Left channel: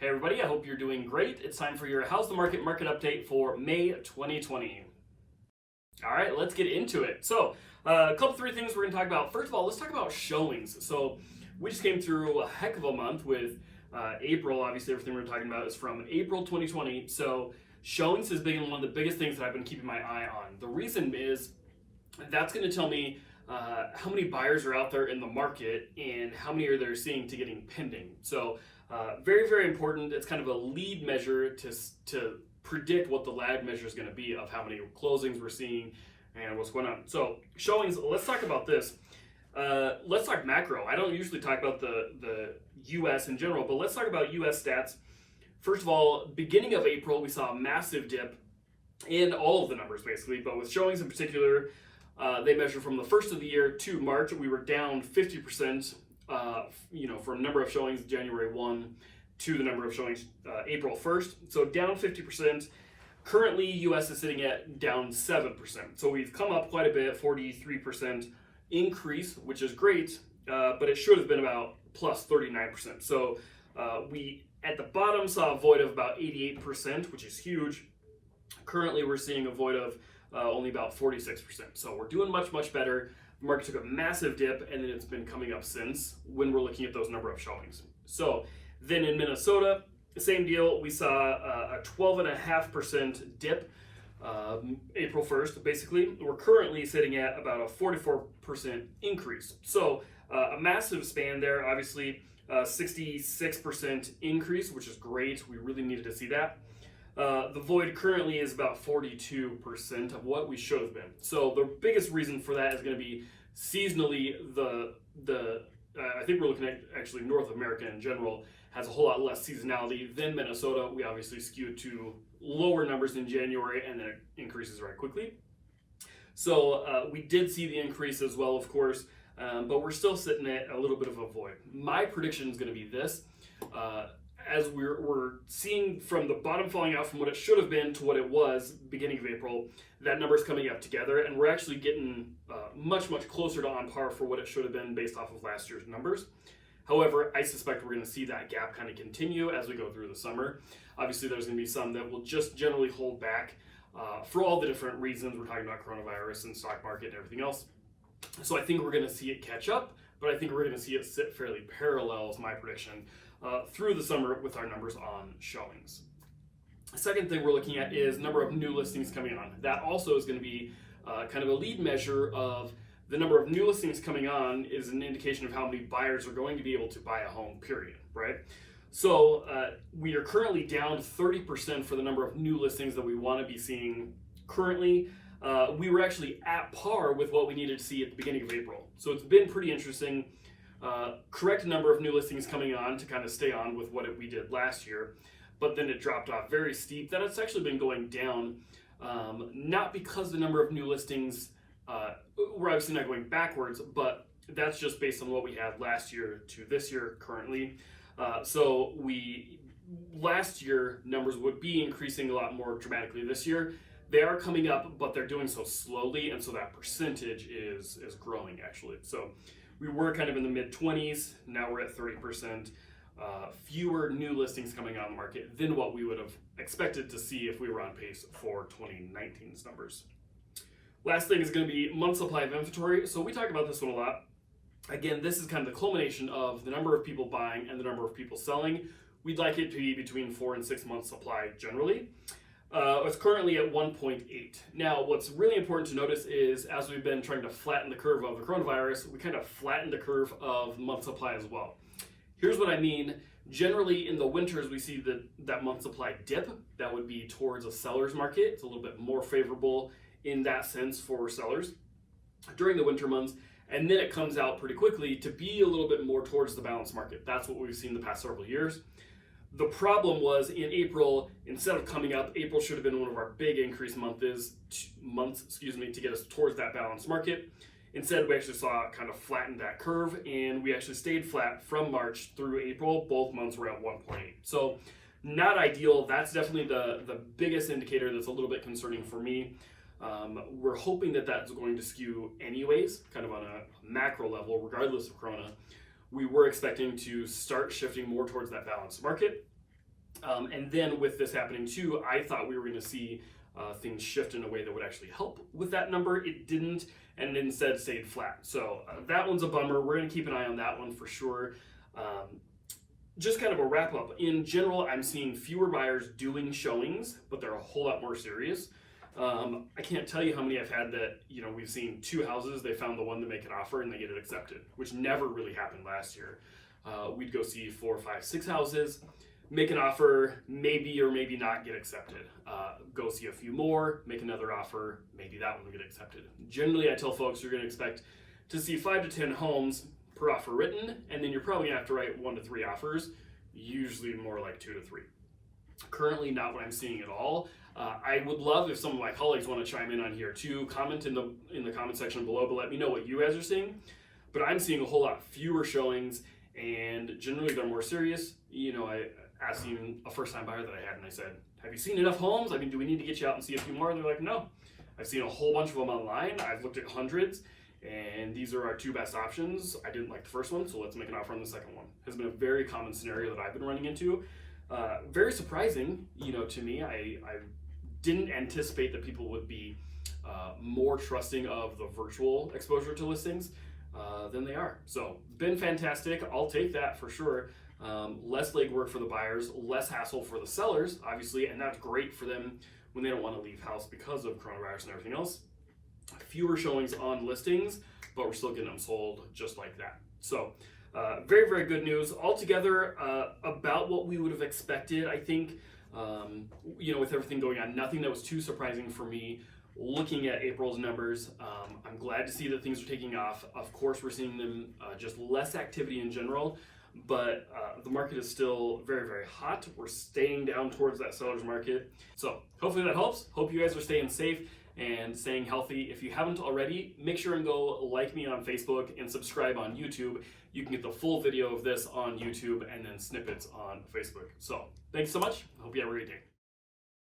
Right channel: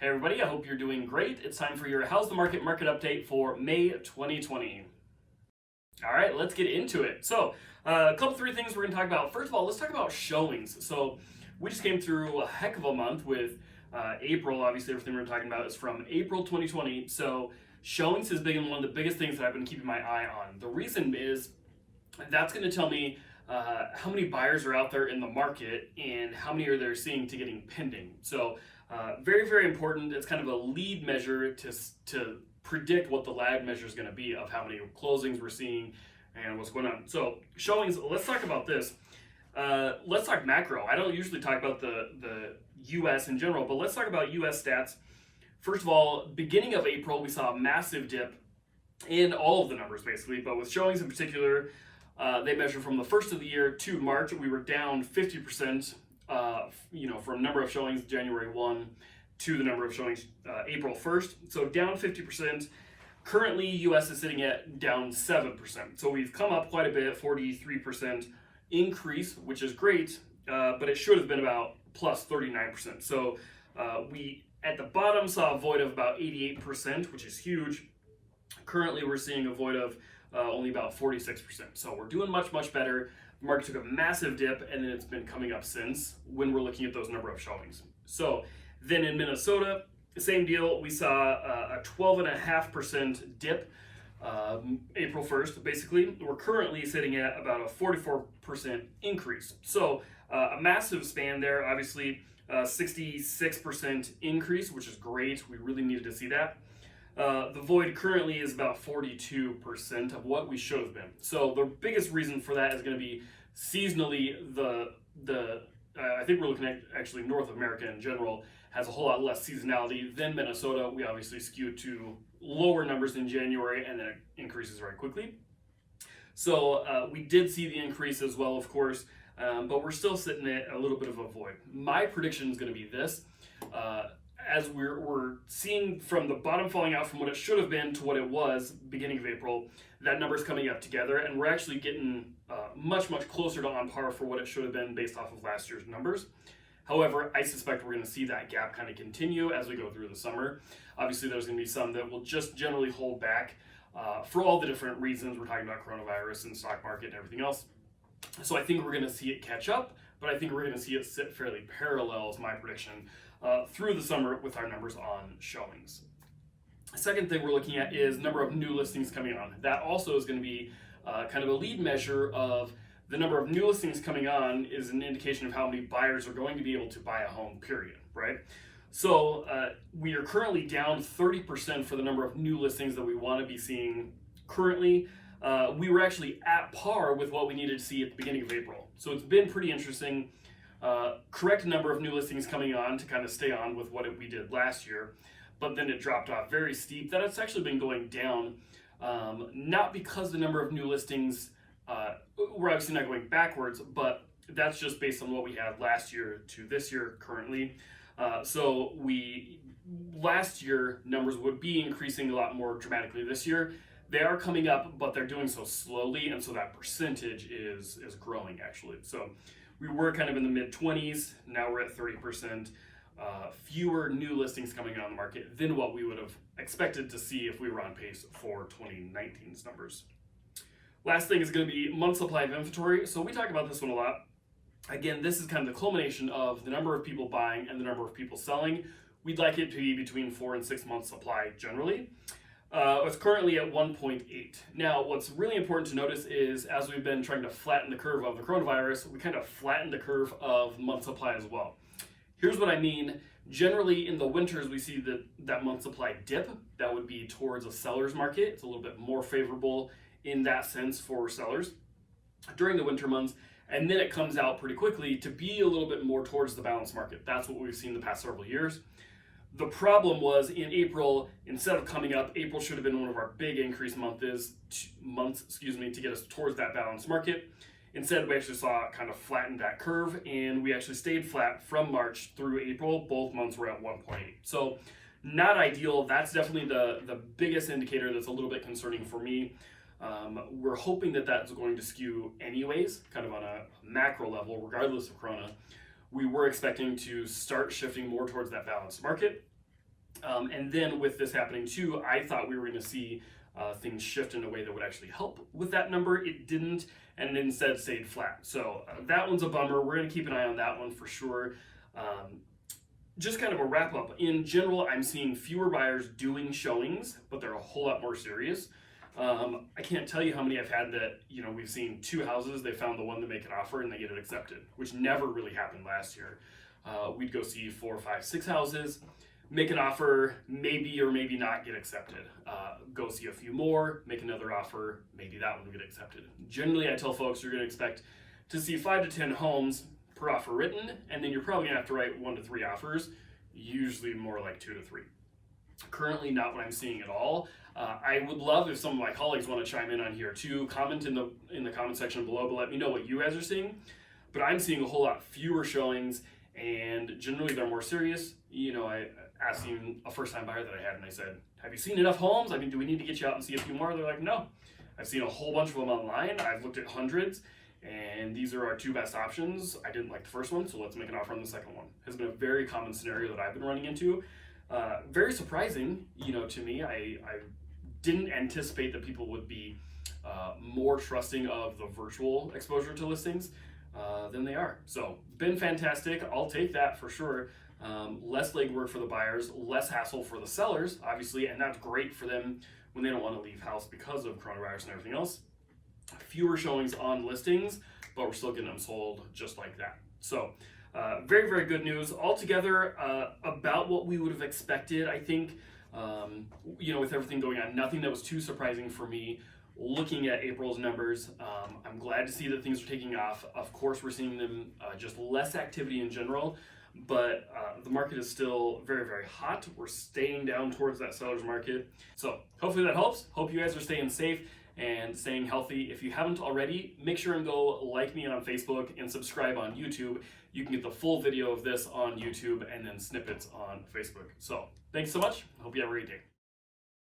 Hey everybody, I hope you're doing great. It's time for your How's the Market update for May 2020. All right, let's get into it. So, three things we're going to talk about. First of all, let's talk about showings. So, we just came through a heck of a month with April. Obviously, everything we're talking about is from April 2020. So, showings has been one of the biggest things that I've been keeping my eye on. The reason is that's going to tell me how many buyers are out there in the market and how many are they seeing to getting pending. So, very, very important. It's kind of a lead measure to predict what the lag measure is going to be of how many closings we're seeing and what's going on. So showings, let's talk about this. Let's talk macro. I don't usually talk about the US in general, but let's talk about US stats. First of all, beginning of April, we saw a massive dip in all of the numbers basically, but with showings in particular, they measure from the first of the year to March, we were down 50%. From number of showings January 1 to the number of showings April 1st. So down 50%. Currently, US is sitting at down 7%. So we've come up quite a bit, 43% increase, which is great, but it should have been about plus 39%. So we, at the bottom, saw a void of about 88%, which is huge. Currently, we're seeing a void of only about 46%. So we're doing much, much better. The market took a massive dip and then it's been coming up since when we're looking at those number of showings. So then in Minnesota, same deal. We saw a 12.5% dip April 1st, basically. We're currently sitting at about a 44% increase. So a massive span there, obviously 66% increase, which is great. We really needed to see that. The void currently is about 42% of what we should have been. So the biggest reason for that is going to be seasonally I think we're looking at actually North America in general has a whole lot less seasonality than Minnesota. We obviously skew to lower numbers in January and then it increases very quickly. So we did see the increase as well, of course, but we're still sitting at a little bit of a void. My prediction is going to be this. As we're seeing from the bottom falling out from what it should have been to what it was beginning of April, that number's coming up together and we're actually getting much, much closer to on par for what it should have been based off of last year's numbers. However, I suspect we're going to see that gap kind of continue as we go through the summer. Obviously, there's going to be some that will just generally hold back for all the different reasons. We're talking about coronavirus and stock market and everything else. So I think we're going to see it catch up, but I think we're going to see it sit fairly parallel, is my prediction, through the summer with our numbers on showings. Second thing we're looking at is number of new listings coming on. That also is going to be kind of a lead measure of the number of new listings coming on is an indication of how many buyers are going to be able to buy a home, period, right? So we are currently down 30% for the number of new listings that we want to be seeing currently. We were actually at par with what we needed to see at the beginning of April. So it's been pretty interesting. Correct number of new listings coming on to kind of stay on with what we did last year, but then it dropped off very steep. That it's actually been going down, not because the number of new listings, we're obviously not going backwards, but that's just based on what we had last year to this year currently. So last year numbers would be increasing a lot more dramatically this year. They are coming up, but they're doing so slowly, and so that percentage is growing actually. So we were kind of in the mid-20s, now we're at 30%. Fewer new listings coming on the market than what we would have expected to see if we were on pace for 2019's numbers. Last thing is going to be month supply of inventory. So we talk about this one a lot. Again, this is kind of the culmination of the number of people buying and the number of people selling. We'd like it to be between 4 and 6 months supply generally. It's currently at 1.8. Now, what's really important to notice is as we've been trying to flatten the curve of the coronavirus, we kind of flattened the curve of month supply as well. Here's what I mean. Generally, in the winters, we see that month supply dip. That would be towards a seller's market. It's a little bit more favorable in that sense for sellers during the winter months. And then it comes out pretty quickly to be a little bit more towards the balanced market. That's what we've seen the past several years. The problem was in April, instead of coming up, April should have been one of our big increase months to get us towards that balanced market. Instead, we actually saw it kind of flatten that curve, and we actually stayed flat from March through April. Both months were at 1.8. So not ideal. That's definitely the biggest indicator that's a little bit concerning for me. We're hoping that that's going to skew anyways, kind of on a macro level, regardless of Corona. We were expecting to start shifting more towards that balanced market. And then with this happening too, I thought we were going to see things shift in a way that would actually help with that number. It didn't, and it instead stayed flat. So that one's a bummer. We're going to keep an eye on that one for sure. Just kind of a wrap up. In general, I'm seeing fewer buyers doing showings, but they're a whole lot more serious. I can't tell you how many I've had that, we've seen 2 houses, they found the one to make an offer and they get it accepted, which never really happened last year. We'd go see 4, 5, 6 houses, make an offer, maybe or maybe not get accepted. Go see a few more, make another offer, maybe that one will get accepted. Generally, I tell folks you're going to expect to see 5 to 10 homes per offer written, and then you're probably going to have to write 1 to 3 offers, usually more like 2 to 3. Currently, not what I'm seeing at all. I would love if some of my colleagues want to chime in on here too. Comment in the comment section below, but let me know what you guys are seeing. But I'm seeing a whole lot fewer showings, and generally they're more serious. I asked even a first-time buyer that I had, and I said, "Have you seen enough homes? I mean, do we need to get you out and see a few more?" They're like, "No. I've seen a whole bunch of them online. I've looked at hundreds, and these are our 2 best options. I didn't like the first one, so let's make an offer on the second one." Has been a very common scenario that I've been running into. Very surprising, to me. I didn't anticipate that people would be more trusting of the virtual exposure to listings than they are. So, been fantastic. I'll take that for sure. Less legwork for the buyers, less hassle for the sellers, obviously, and that's great for them when they don't want to leave house because of coronavirus and everything else. Fewer showings on listings, but we're still getting them sold just like that. So, very, very good news. Altogether, about what we would have expected, I think, with everything going on, nothing that was too surprising for me. Looking at April's numbers, I'm glad to see that things are taking off. Of course, we're seeing them just less activity in general, but the market is still very, very hot. We're staying down towards that seller's market. So hopefully that helps. Hope you guys are staying safe and staying healthy. If you haven't already, make sure and go like me on Facebook and subscribe on YouTube. You can get the full video of this on YouTube and then snippets on Facebook. So thanks so much. I hope you have a great day.